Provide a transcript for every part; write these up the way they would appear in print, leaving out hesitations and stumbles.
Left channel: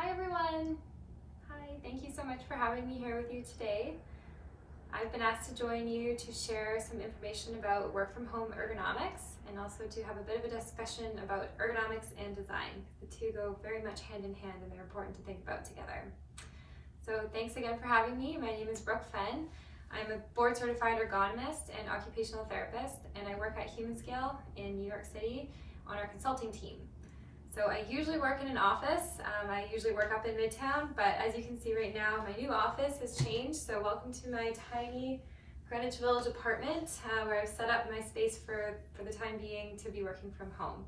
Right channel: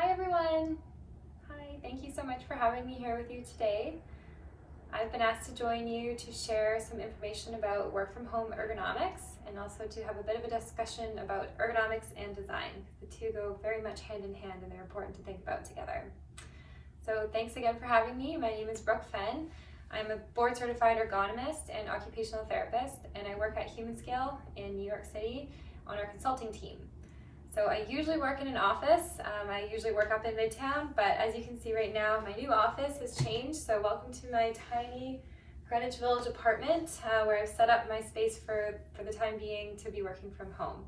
Hi everyone! Hi, thank you so much for having me here with you today. I've been asked to join you to share some information about work from home ergonomics and also to have a bit of a discussion about ergonomics and design. The two go very much hand in hand and they're important to think about together. So thanks again for having me. My name is Brooke Fenn. I'm a board certified ergonomist and occupational therapist, and I work at Humanscale in New York City on our consulting team. So I usually work in an office. I usually work up in Midtown, but as you can see right now, my new office has changed. So welcome to my tiny Greenwich Village apartment where I've set up my space for the time being to be working from home.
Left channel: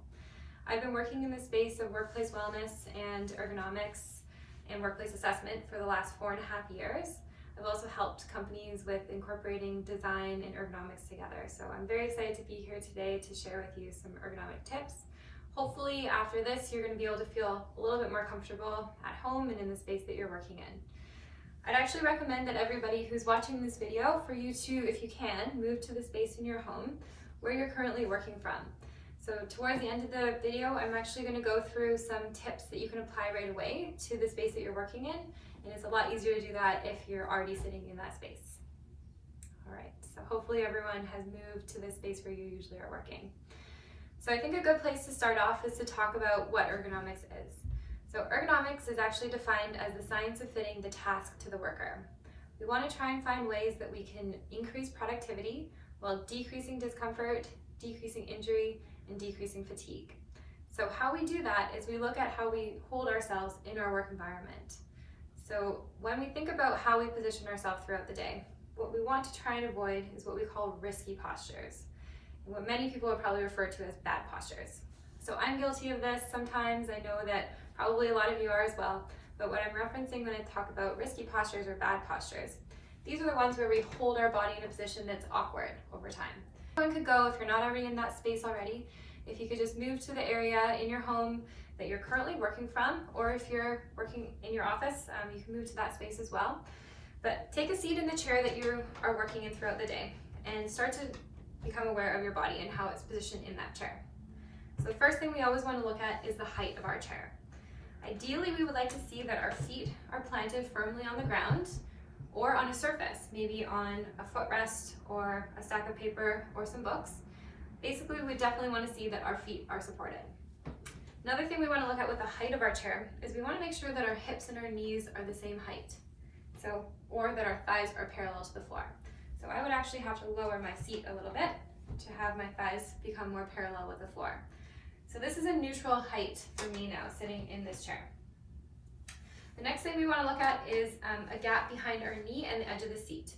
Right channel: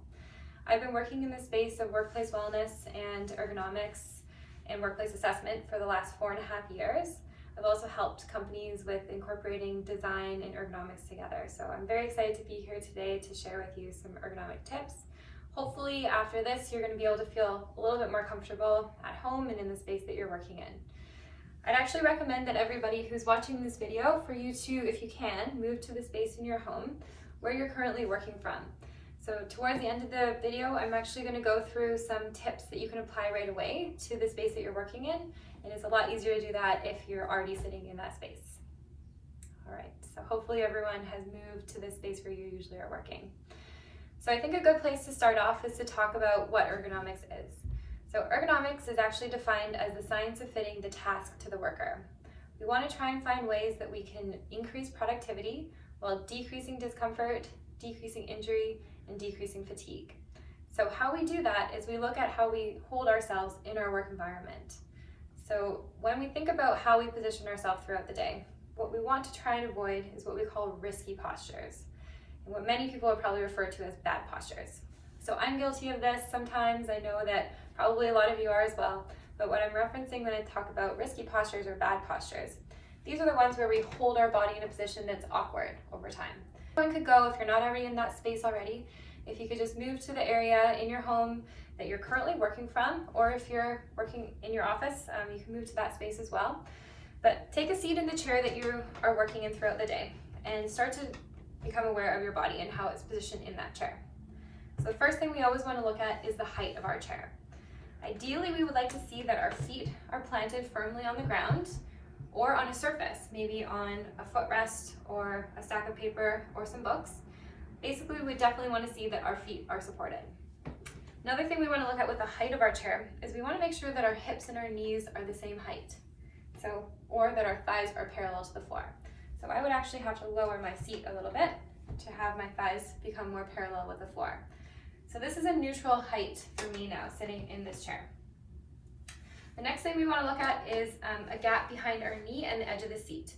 I've been working in the space of workplace wellness and ergonomics and workplace assessment for the last 4.5 years. I've also helped companies with incorporating design and ergonomics together. So I'm very excited to be here today to share with you some ergonomic tips. Hopefully after this, you're going to be able to feel a little bit more comfortable at home and in the space that you're working in. I'd actually recommend that everybody who's watching this video for you to, if you can, move to the space in your home where you're currently working from. So towards the end of the video, I'm actually going to go through some tips that you can apply right away to the space that you're working in. And it's a lot easier to do that if you're already sitting in that space. All right, so hopefully everyone has moved to the space where you usually are working. So I think a good place to start off is to talk about what ergonomics is. So ergonomics is actually defined as the science of fitting the task to the worker. We want to try and find ways that we can increase productivity while decreasing discomfort, decreasing injury, and decreasing fatigue. So how we do that is we look at how we hold ourselves in our work environment. So when we think about how we position ourselves throughout the day, what we want to try and avoid is what we call risky postures, and what many people would probably refer to as bad postures. So I'm guilty of this sometimes. I know that probably a lot of you are as well, but what I'm referencing when I talk about risky postures or bad postures, these are the ones where we hold our body in a position that's awkward over time. One could go, if you're not already in that space already, if you could just move to the area in your home that you're currently working from, or if you're working in your office, you can move to that space as well. But take a seat in the chair that you are working in throughout the day and start to become aware of your body and how it's positioned in that chair. So the first thing we always want to look at is the height of our chair. Ideally, we would like to see that our feet are planted firmly on the ground or on a surface, maybe on a footrest or a stack of paper or some books. Basically, we definitely want to see that our feet are supported. Another thing we want to look at with the height of our chair is we want to make sure that our hips and our knees are the same height. Or that our thighs are parallel to the floor. So I would actually have to lower my seat a little bit to have my thighs become more parallel with the floor. So this is a neutral height for me now, sitting in this chair. The next thing we want to look at is a gap behind our knee and the edge of the seat.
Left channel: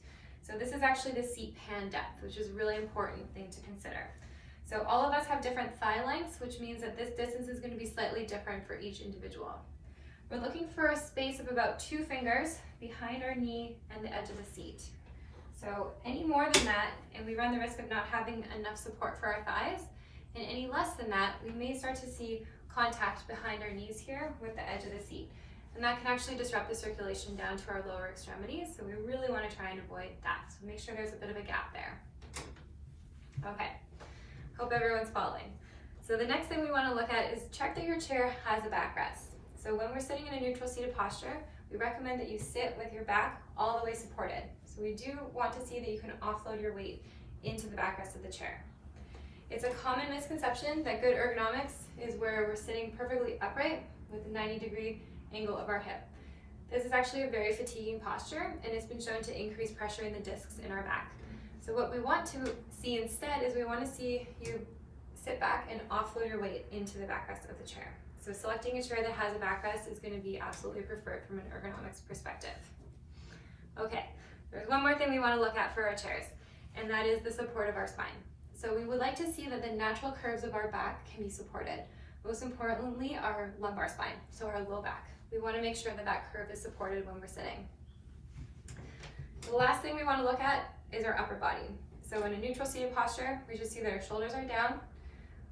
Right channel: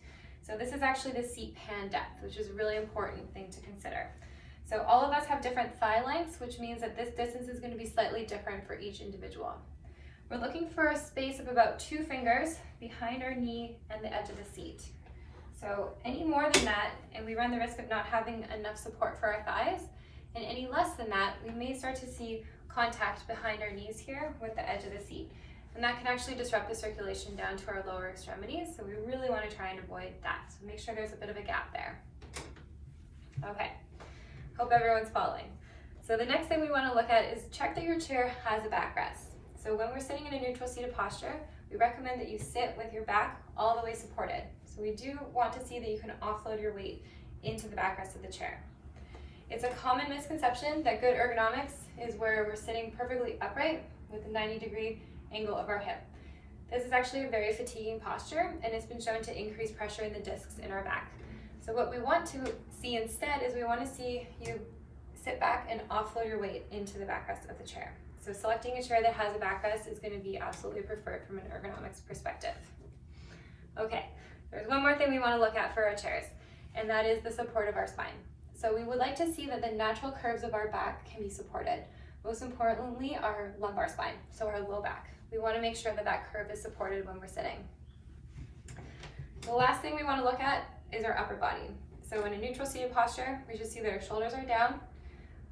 So this is actually the seat pan depth, which is a really important thing to consider. So all of us have different thigh lengths, which means that this distance is going to be slightly different for each individual. We're looking for a space of about 2 fingers behind our knee and the edge of the seat. So any more than that, and we run the risk of not having enough support for our thighs, and any less than that, we may start to see contact behind our knees here with the edge of the seat. And that can actually disrupt the circulation down to our lower extremities, so we really want to try and avoid that. So make sure there's a bit of a gap there. Okay, hope everyone's following. So the next thing we want to look at is check that your chair has a backrest. So when we're sitting in a neutral seated posture, we recommend that you sit with your back all the way supported. So we do want to see that you can offload your weight into the backrest of the chair. It's a common misconception that good ergonomics is where we're sitting perfectly upright with a 90-degree angle of our hip. This is actually a very fatiguing posture, and it's been shown to increase pressure in the discs in our back. So what we want to see instead is we want to see you sit back and offload your weight into the backrest of the chair. So selecting a chair that has a backrest is going to be absolutely preferred from an ergonomics perspective. Okay, there's one more thing we want to look at for our chairs, and that is the support of our spine. So we would like to see that the natural curves of our back can be supported. Most importantly, our lumbar spine, so our low back. We want to make sure that that curve is supported when we're sitting. The last thing we want to look at is our upper body. So in a neutral seated posture, we should see that our shoulders are down,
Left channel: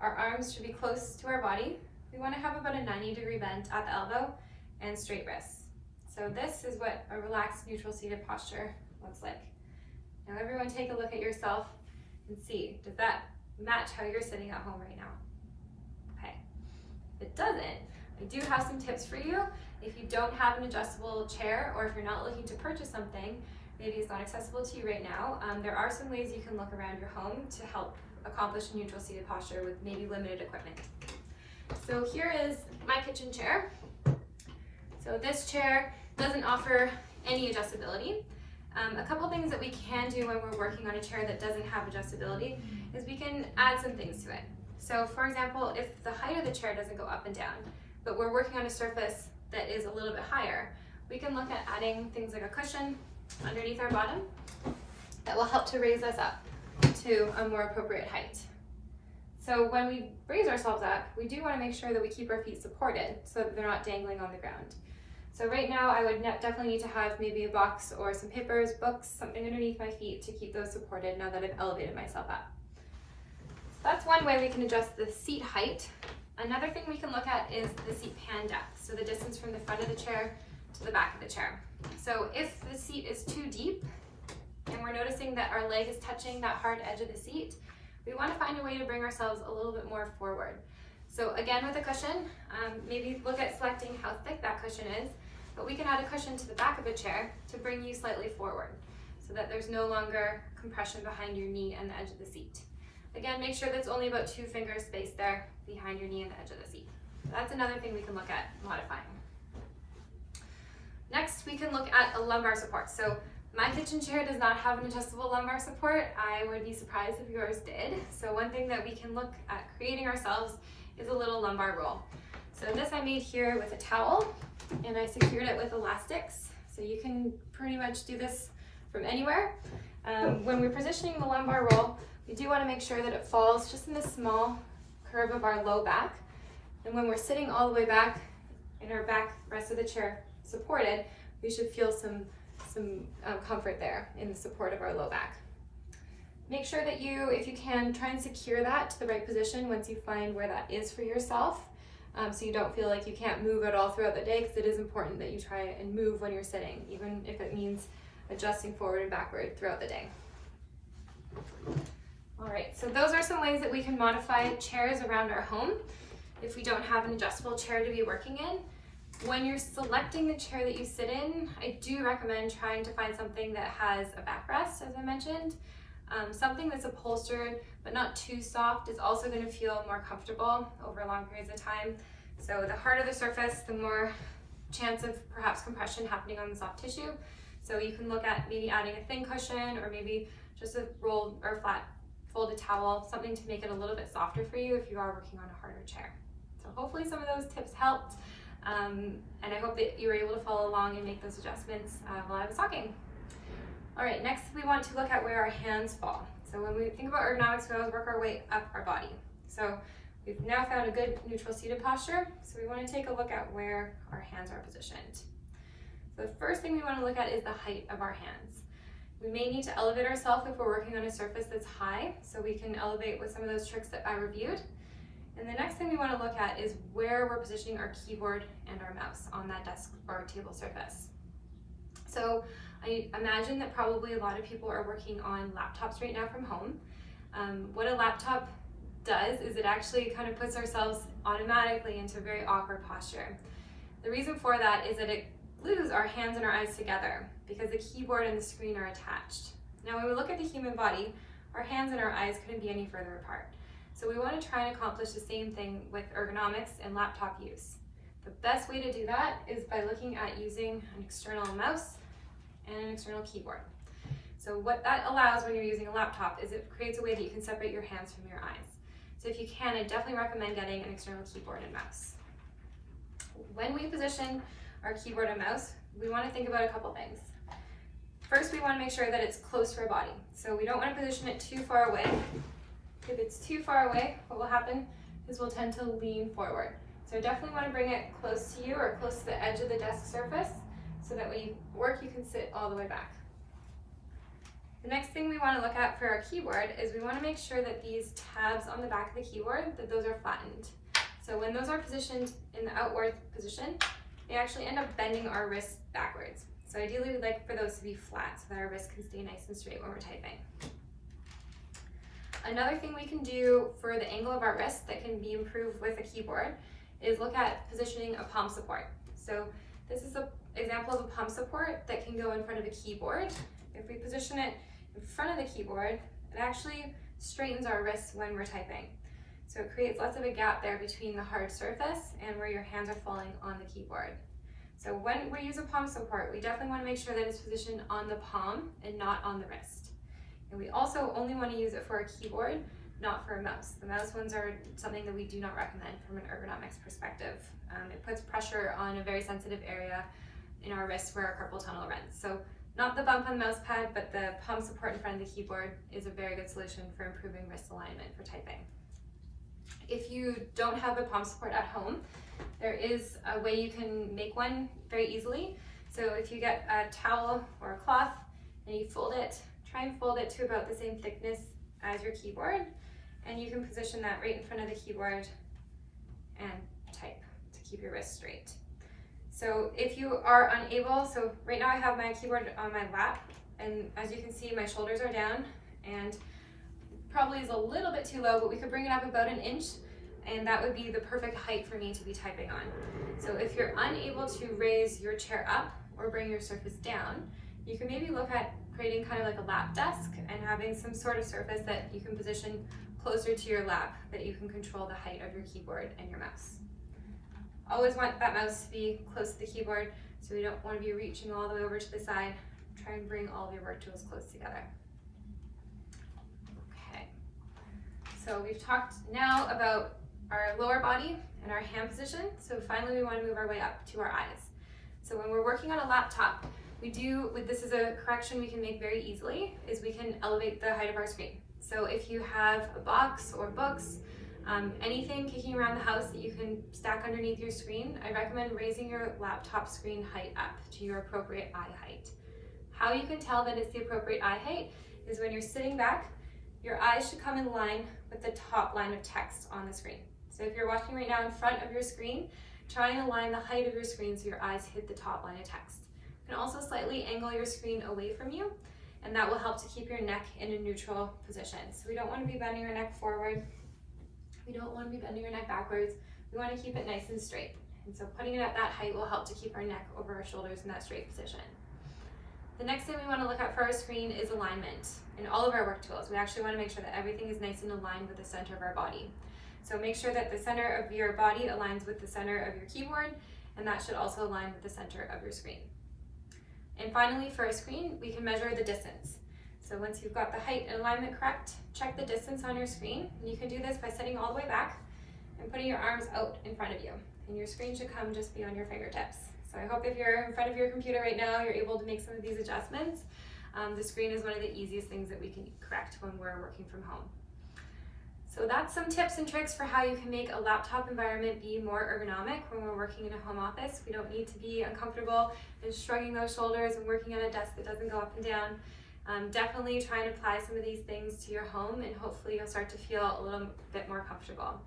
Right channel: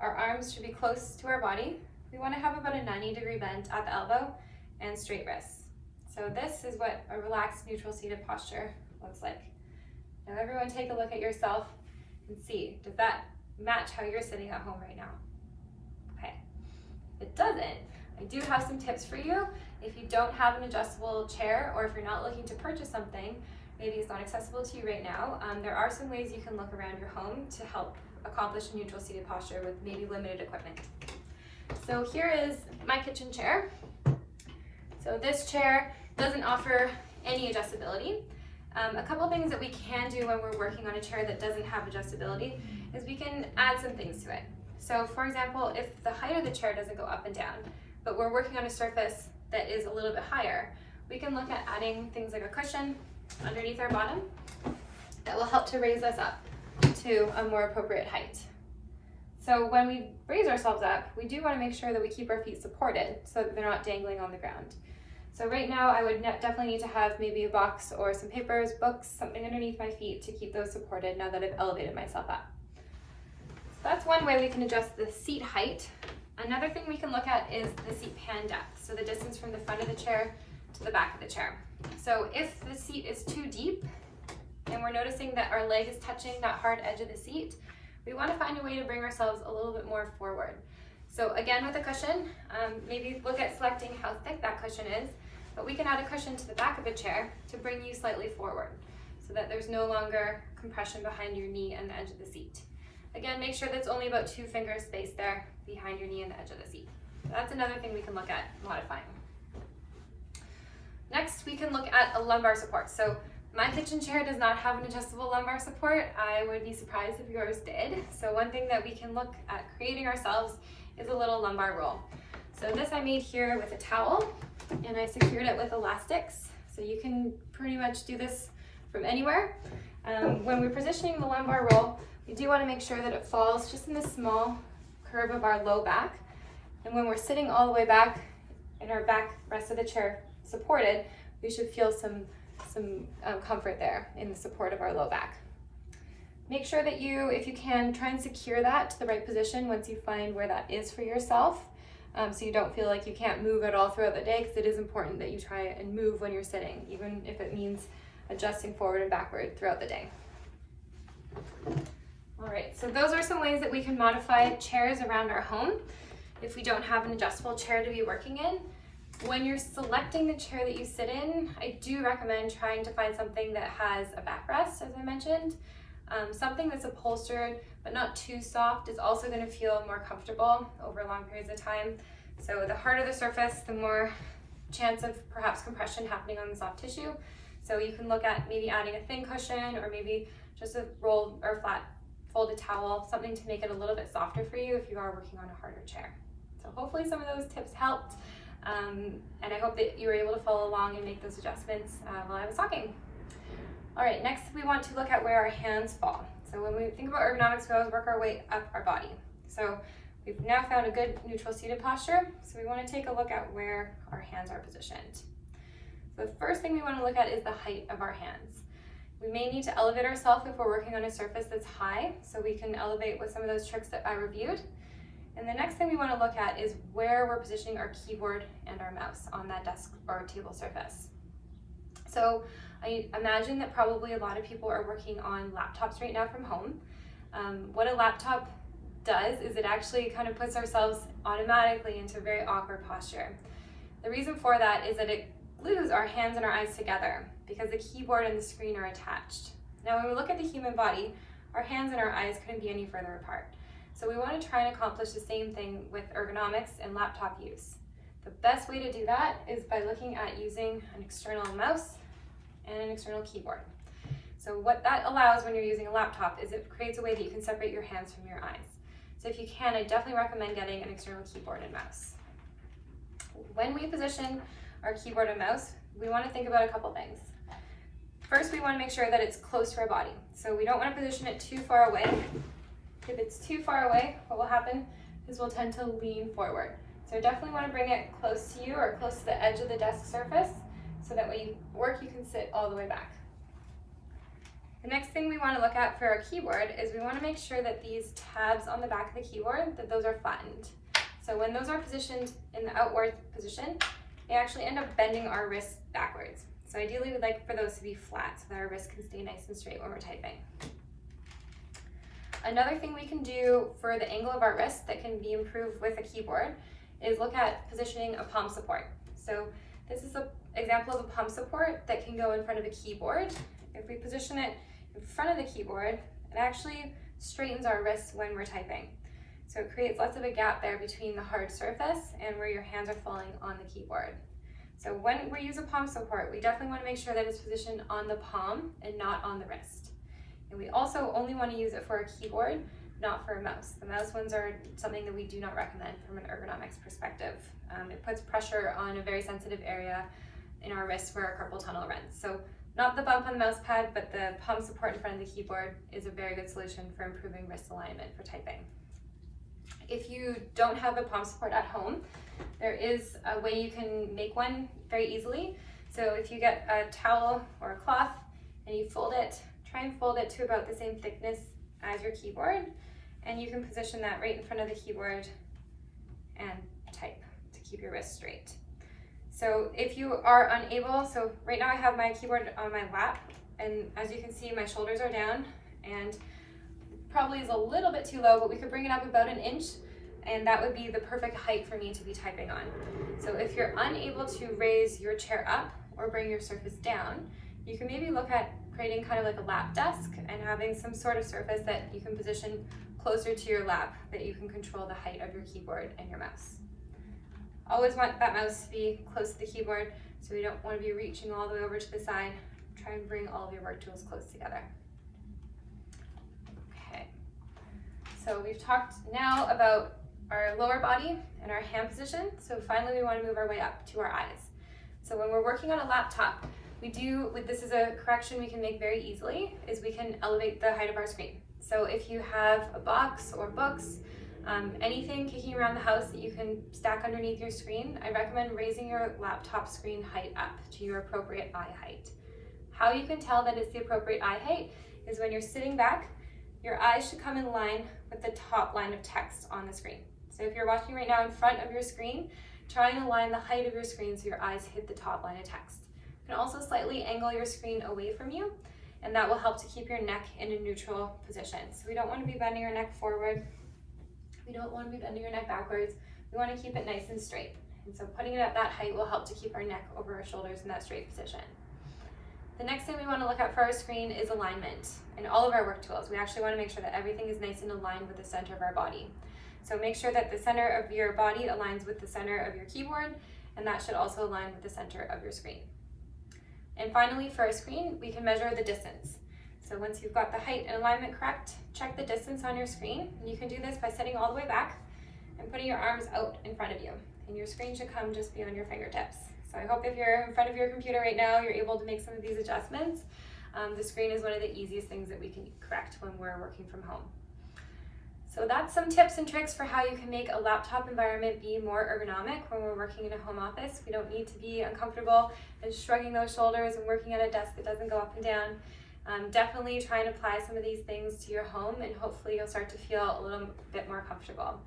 our arms should be close to our body. We want to have about a 90-degree bend at the elbow and straight wrists. So this is what a relaxed neutral seated posture looks like. Now everyone take a look at yourself and see, does that match how you're sitting at home right now? Okay. If it doesn't, I do have some tips for you. If you don't have an adjustable chair, or if you're not looking to purchase something, maybe it's not accessible to you right now, there are some ways you can look around your home to help accomplish a neutral seated posture with maybe limited equipment. So here is my kitchen chair. So this chair doesn't offer any adjustability. A couple things that we can do when we're working on a chair that doesn't have adjustability is we can add some things to it. So for example, if the height of the chair doesn't go up and down, but we're working on a surface that is a little bit higher, we can look at adding things like a cushion underneath our bottom that will help to raise us up to a more appropriate height. So when we raise ourselves up, we do want to make sure that we keep our feet supported so that they're not dangling on the ground. So right now I would definitely need to have maybe a box or some papers, books, something underneath my feet to keep those supported now that I've elevated myself up. So that's one way we can adjust the seat height. Another thing we can look at is the seat pan depth, so the distance from the front of the chair to the back of the chair. So if the seat is too deep and we're noticing that our leg is touching that hard edge of the seat, we want to find a way to bring ourselves a little bit more forward. So again, with a cushion, maybe look at selecting how thick that cushion is, but we can add a cushion to the back of the chair to bring you slightly forward so that there's no longer compression behind your knee and the edge of the seat. Again, make sure that's only about 2 fingers space there behind your knee and the edge of the seat. So that's another thing we can look at modifying. Next, we can look at a lumbar support. So my kitchen chair does not have an adjustable lumbar support. I would be surprised if yours did. So one thing that we can look at creating ourselves is a little lumbar roll. So this I made here with a towel, and I secured it with elastics. So you can pretty much do this from anywhere. When we're positioning the lumbar roll, we do want to make sure that it falls just in the small curve of our low back. And when we're sitting all the way back and our back rest of the chair supported, we should feel some comfort there in the support of our low back. Make sure that you, if you can, try and secure that to the right position once you find where that is for yourself, so you don't feel like you can't move at all throughout the day, because it is important that you try and move when you're sitting, even if it means adjusting forward and backward throughout the day. All right, so those are some ways that we can modify chairs around our home if we don't have an adjustable chair to be working in. When you're selecting the chair that you sit in, I do recommend trying to find something that has a backrest, as I mentioned. Something that's upholstered but not too soft is also going to feel more comfortable over long periods of time. So the harder the surface, the more chance of perhaps compression happening on the soft tissue. So you can look at maybe adding a thin cushion, or maybe just a rolled or flat folded towel, something to make it a little bit softer for you if you are working on a harder chair. So hopefully some of those tips helped, and I hope that you were able to follow along and make those adjustments while I was talking. All right, next we want to look at where our hands fall. So when we think about ergonomics, we always work our way up our body. So we've now found a good neutral seated posture, so we want to take a look at where our hands are positioned. So the first thing we want to look at is the height of our hands. We may need to elevate ourselves if we're working on a surface that's high, so we can elevate with some of those tricks that I reviewed. And the next thing we want to look at is where we're positioning our keyboard and our mouse on that desk or table surface. So I imagine that probably a lot of people are working on laptops right now from home. What a laptop does is it actually kind of puts ourselves automatically into a very awkward posture. The reason for that is that it glues our hands and our eyes together because the keyboard and the screen are attached. Now when we look at the human body, our hands and our eyes couldn't be any further apart. So we want to try and accomplish the same thing with ergonomics and laptop use. The best way to do that is by looking at using an external mouse and an external keyboard. So what that allows when you're using a laptop is it creates a way that you can separate your hands from your eyes. So if you can, I definitely recommend getting an external keyboard and mouse. When we position our keyboard and mouse, we want to think about a couple things. First, we want to make sure that it's close to our body. So we don't want to position it too far away. If it's too far away, what will happen is we'll tend to lean forward. So I definitely want to bring it close to you or close to the edge of the desk surface, so that when you work, you can sit all the way back. The next thing we want to look at for our keyboard is we want to make sure that these tabs on the back of the keyboard, that those are flattened. So when those are positioned in the outward position, they actually end up bending our wrists backwards. So ideally we'd like for those to be flat so that our wrists can stay nice and straight when we're typing. Another thing we can do for the angle of our wrist that can be improved with a keyboard is look at positioning a palm support. So this is an example of a palm support that can go in front of a keyboard. If we position it in front of the keyboard, it actually straightens our wrists when we're typing. So it creates less of a gap there between the hard surface and where your hands are falling on the keyboard. So when we use a palm support, we definitely want to make sure that it's positioned on the palm and not on the wrist. And we also only want to use it for a keyboard, not for a mouse. The mouse ones are something that we do not recommend from an ergonomics perspective. It puts pressure on a very sensitive area in our wrists where our carpal tunnel runs. So not the bump on the mouse pad, but the palm support in front of the keyboard is a very good solution for improving wrist alignment for typing. If you don't have a palm support at home, there is a way you can make one very easily. So if you get a towel or a cloth and you fold it, try and fold it to about the same thickness as your keyboard, and you can position that right in front of the keyboard and type to keep your wrist straight. So if you are unable, so right now I have my keyboard on my lap, and as you can see, my shoulders are down and probably is a little bit too low, but we could bring it up about 1 inch, and that would be the perfect height for me to be typing on. So if you're unable to raise your chair up or bring your surface down, you can maybe look at creating kind of like a lap desk and having some sort of surface that you can position closer to your lap, that you can control the height of your keyboard and your mouse. Always want that mouse to be close to the keyboard, so we don't want to be reaching all the way over to the side. Try and bring all of your work tools close together. Okay, so we've talked now about our lower body and our hand position. So finally we want to move our way up to our eyes. So when we're working on a laptop, this is a correction we can make very easily, is we can elevate the height of our screen. So if you have a box or books, anything kicking around the house that you can stack underneath your screen, I recommend raising your laptop screen height up to your appropriate eye height. How you can tell that it's the appropriate eye height is when you're sitting back, your eyes should come in line with the top line of text on the screen. So if you're watching right now in front of your screen, try and align the height of your screen so your eyes hit the top line of text. You can also slightly angle your screen away from you, and that will help to keep your neck in a neutral position. So we don't want to be bending your neck forward. We don't want to be bending your neck backwards. We want to keep it nice and straight. And so putting it at that height will help to keep our neck over our shoulders in that straight position. The next thing we want to look at for our screen is alignment. In all of our work tools, we actually want to make sure that everything is nice and aligned with the center of our body. So make sure that the center of your body aligns with the center of your keyboard, and that should also align with the center of your screen. And finally, for a screen, we can measure the distance. So once you've got the height and alignment correct, check the distance on your screen. And you can do this by sitting all the way back and putting your arms out in front of you. And your screen should come just beyond your fingertips. So I hope if you're in front of your computer right now, you're able to make some of these adjustments. The screen is one of the easiest things that we can correct when we're working from home. So that's some tips and tricks for how you can make a laptop environment be more ergonomic when we're working in a home office. We don't need to be uncomfortable and shrugging those shoulders and working at a desk that doesn't go up and down. Definitely try and apply some of these things to your home, and hopefully you'll start to feel a little bit more comfortable.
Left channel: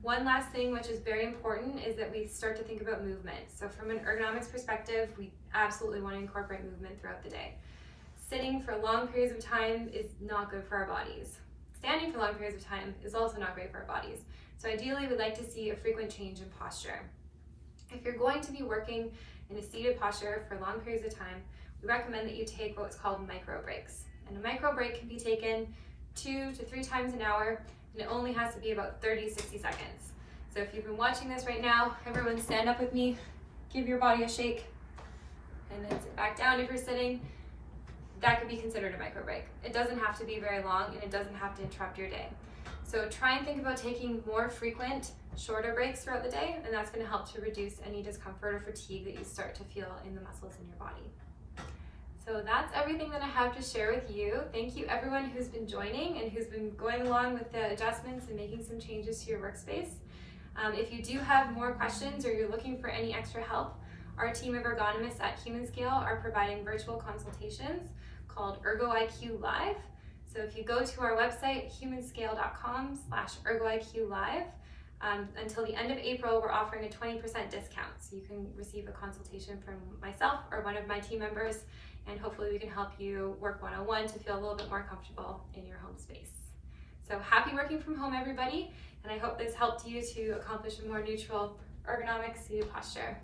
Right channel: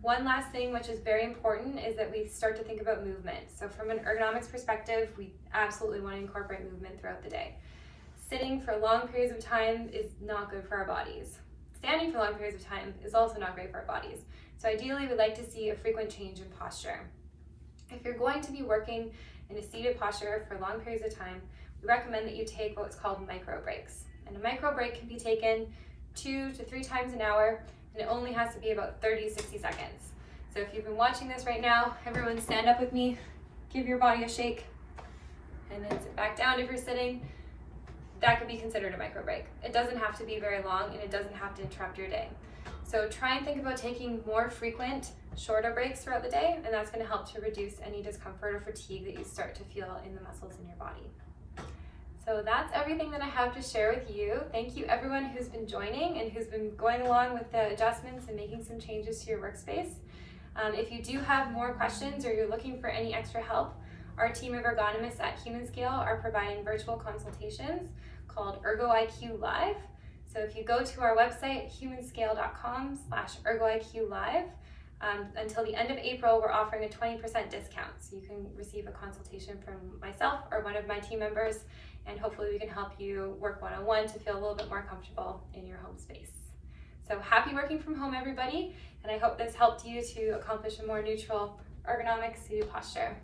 One last thing, which is very important, is that we start to think about movement. So from an ergonomics perspective, we absolutely want to incorporate movement throughout the day. Sitting for long periods of time is not good for our bodies. Standing for long periods of time is also not great for our bodies. So ideally, we'd like to see a frequent change in posture. If you're going to be working in a seated posture for long periods of time, we recommend that you take what's called micro breaks. And a micro break can be taken 2 to 3 times an hour, and it only has to be about 30 to 60 seconds. So if you've been watching this right now, everyone stand up with me, give your body a shake, and then sit back down if you're sitting. That could be considered a micro break. It doesn't have to be very long, and it doesn't have to interrupt your day. So try and think about taking more frequent, shorter breaks throughout the day, and that's going to help to reduce any discomfort or fatigue that you start to feel in the muscles in your body. So that's everything that I have to share with you. Thank you everyone who's been joining and who's been going along with the adjustments and making some changes to your workspace. If you do have more questions or you're looking for any extra help, our team of ergonomists at Humanscale are providing virtual consultations called ErgoIQ Live. So if you go to our website, humanscale.com/ErgoIQLive, until the end of April, we're offering a 20% discount. So you can receive a consultation from myself or one of my team members, and hopefully we can help you work one-on-one to feel a little bit more comfortable in your home space. So happy working from home, everybody, and I hope this helped you to accomplish a more neutral ergonomic seated posture.